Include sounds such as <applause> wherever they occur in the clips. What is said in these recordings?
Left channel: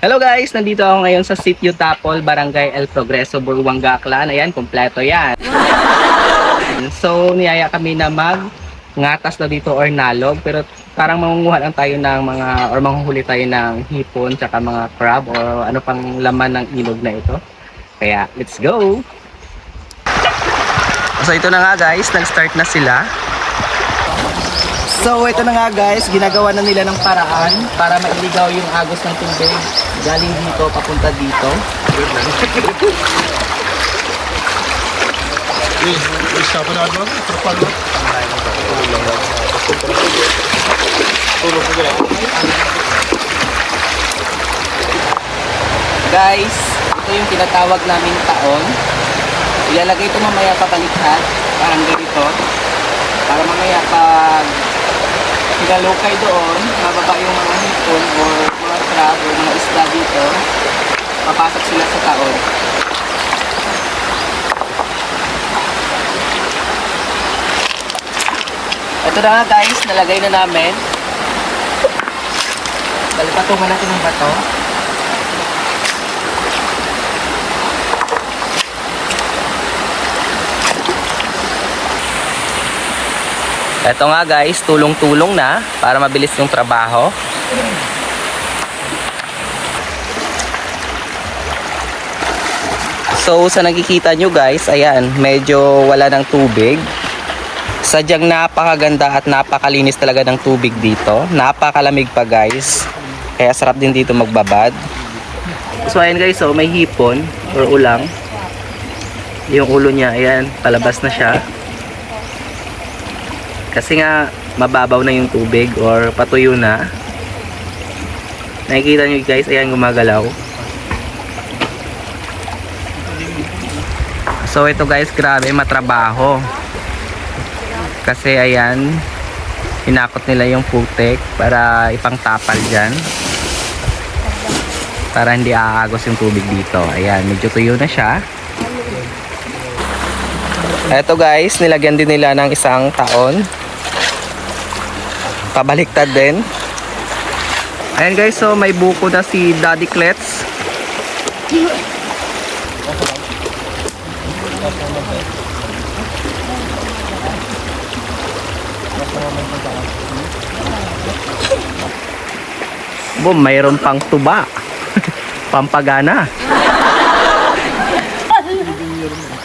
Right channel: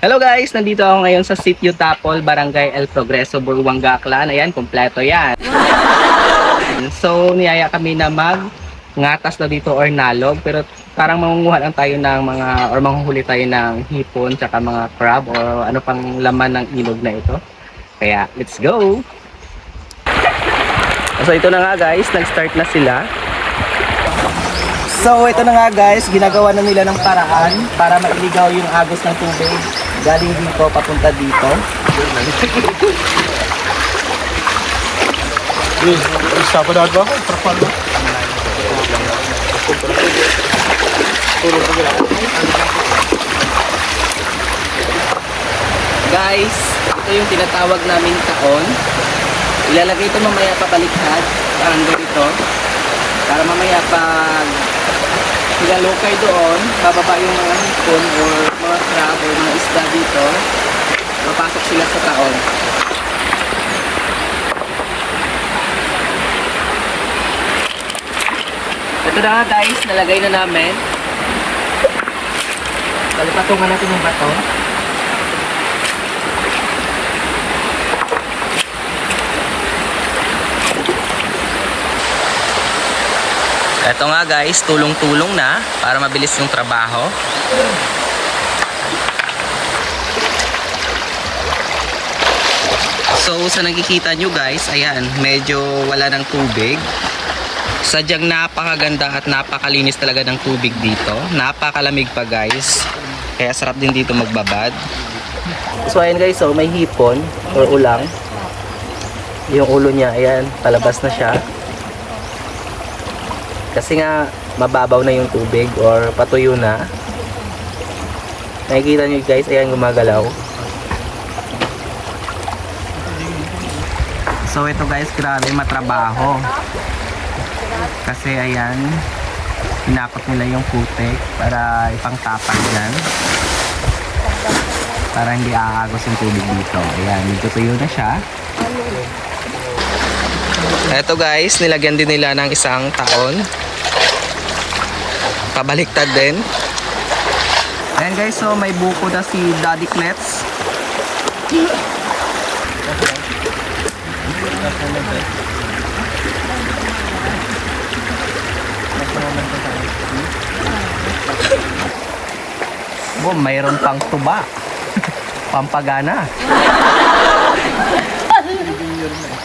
Hello guys, nandito ako ngayon sa Sitio Tapol, Barangay El Progreso, Buruanga, Aklan. Ayan, kompleto yan. <laughs> so, niyaya kami na mag ngatas na dito or nalog. Pero parang mangunguha lang tayo ng mga, or manghuhuli tayo ng hipon, tsaka mga crab, or ano pang laman ng ilog na ito. Kaya, let's go! So, ito na nga guys, nag-start na sila. So, ito na nga guys, ginagawa na nila ng paraan para mailigaw yung agos ng tubig galing dito papunta dito. Guys, ito yung tinatawag naming taon. Ilalagay ito mamaya pabaliktad, parang ganito. Para mamaya pag nilalokay doon, bababa yung mga hipon or mga crab or mga isda dito, papasok sila sa taon. Ito na guys, nalagay na namin. Balipatungan natin ng bato. Ito nga guys, tulong-tulong na para mabilis yung trabaho. So sa nakikita nyo guys, ayan, medyo wala ng tubig. Sadyang napakaganda at napakalinis talaga ng tubig dito. Napakalamig pa guys. Kaya sarap din dito magbabad. So ayan guys, so may hipon or ulang. Yung ulo niya, ayan, palabas na siya. Kasi nga mababaw na yung tubig or patuyo na. Nakikita nyo guys, ayan gumagalaw. So ito guys, grabe matrabaho. Kasi ayan, hinakot nila yung putek para ipangtapal dyan. Para hindi aagos yung tubig dito. Ayan, medyo tuyo na siya. Eto guys, nilagyan din nila ng isang taon. Pabaliktad din. Ayan guys, so may buko na si Daddy Klets. Boom, mayroon pang tuba. <laughs> Pampagana.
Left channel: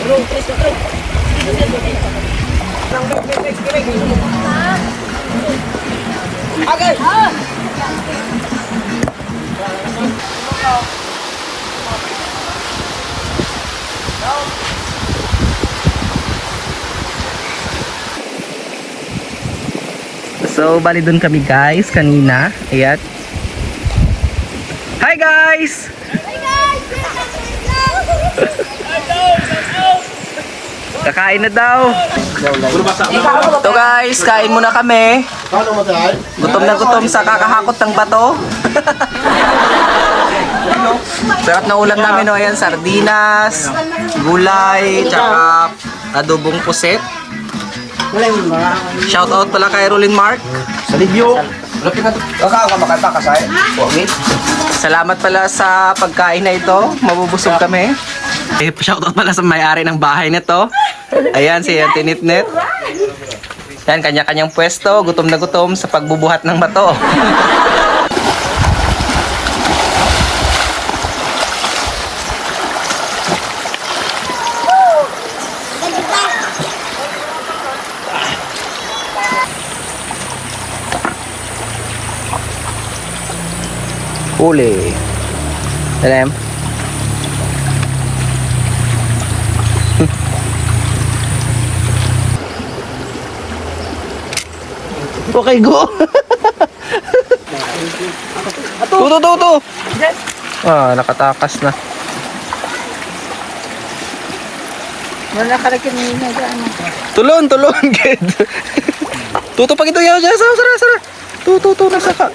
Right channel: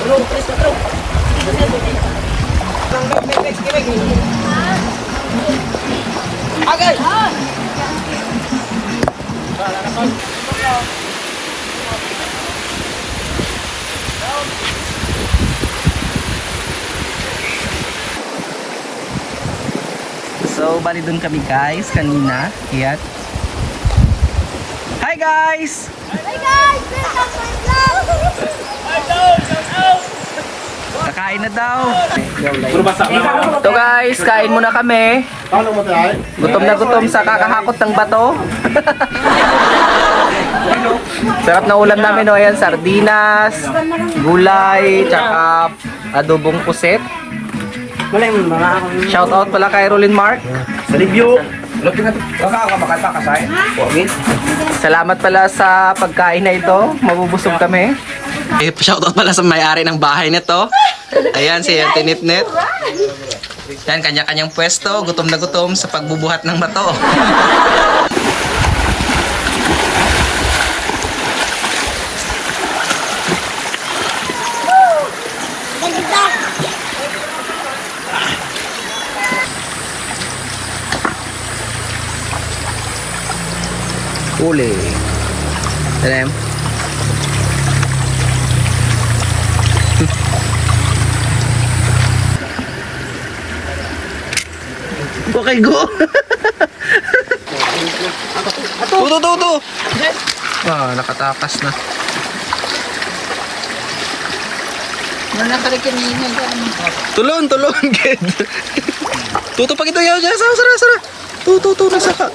na ako tao ya. Agay! So, bali dun kami guys kanina. Ayan. Hi guys! <laughs> Kakain na daw. Ito guys, kain muna kami. Gutom na gutom sa kakahakot ng bato. <laughs> Sarap na ulam namin no, ayan, sardinas, gulay, tsaka adobong puset. Shout out pala kay Rolin Mark. Sa sa Salamat pala sa pagkain na ito. Mabubusog kami. Eh, shoutout pala sa may-ari ng bahay nito. Ayan, si Auntie Nitnit. Yan, kanya-kanyang pwesto. Gutom na gutom sa pagbubuhat ng bato. Huli. Alam? Okay, go. Tuto, tuto. Ah, nakatakas na. Ano nakarating niya dyan? Tulon, tulon, <laughs> kid. Tuto pa kita yaga. Sara, sara, sara. Tuto, tuto, nasaka.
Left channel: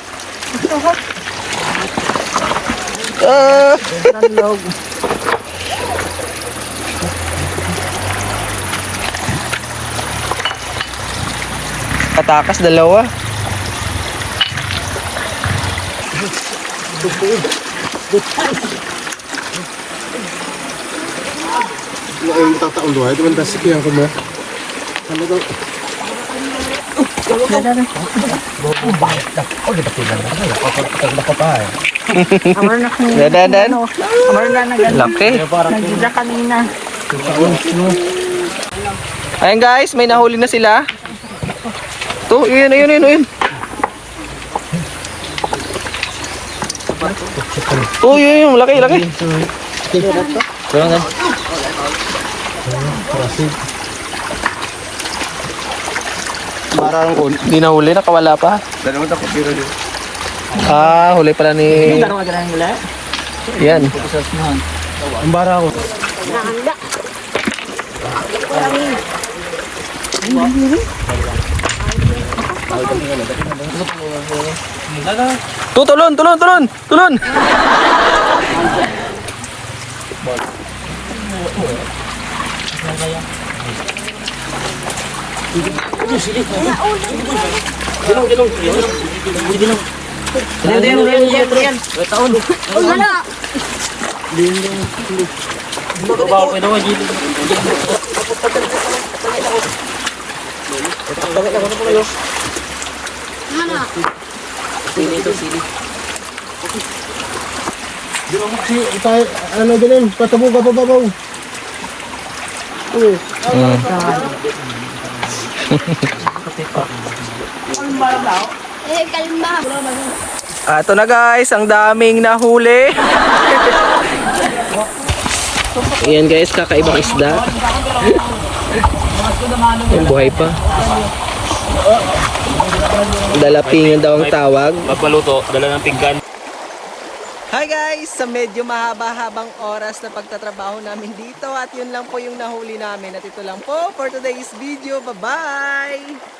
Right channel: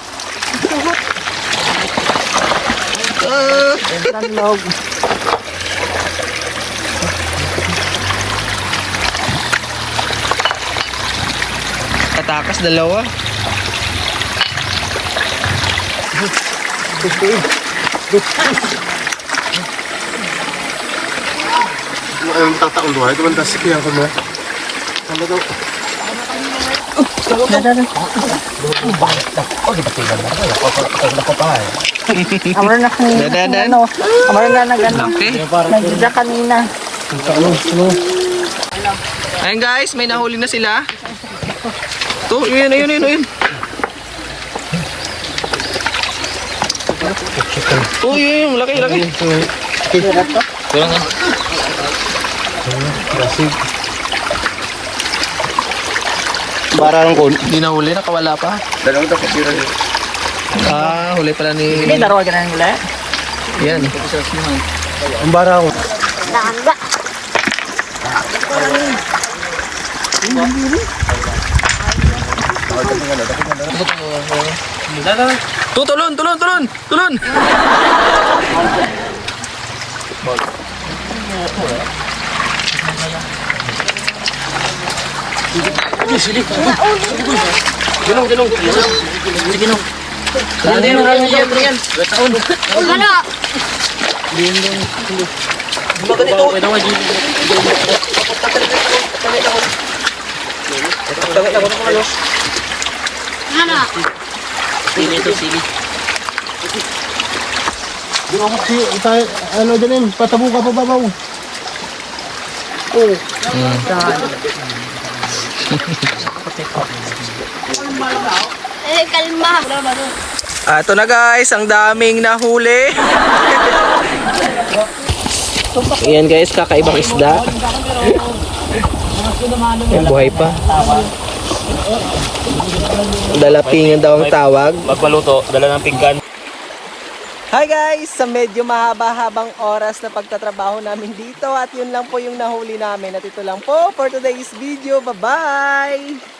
Ah. Katakas dalawa. Ang tataon doon, ito man tasik yan ko mo. Ano daw? Dadadan. Laki. Ayan guys, may nahuli na sila. To, yun, yun, yun, yun. Oh, yun, yun, laki, laki. Parang ko. Hindi nahuli, nakawala pa. Dalawang tapos zero yun. Ah, huli pala ni... Laro ka na nila. Yan. Ang bara ko. Tu, tulon, tulon, tulon, tulon. Si, tayo, ano din, patabo ka pa babaw. Oh. Eh, kalma. Ah, ito na guys, ang daming nahuli. Ayan guys, kakaibang isda. <laughs> Ayan, buhay pa. Dalapingan daw ang tawag. Magpaluto, dala ng pinggan. Hi guys! Sa medyo mahaba-habang oras na pagtatrabaho namin dito at yun lang po yung nahuli namin. At ito lang po for today's video. Bye-bye!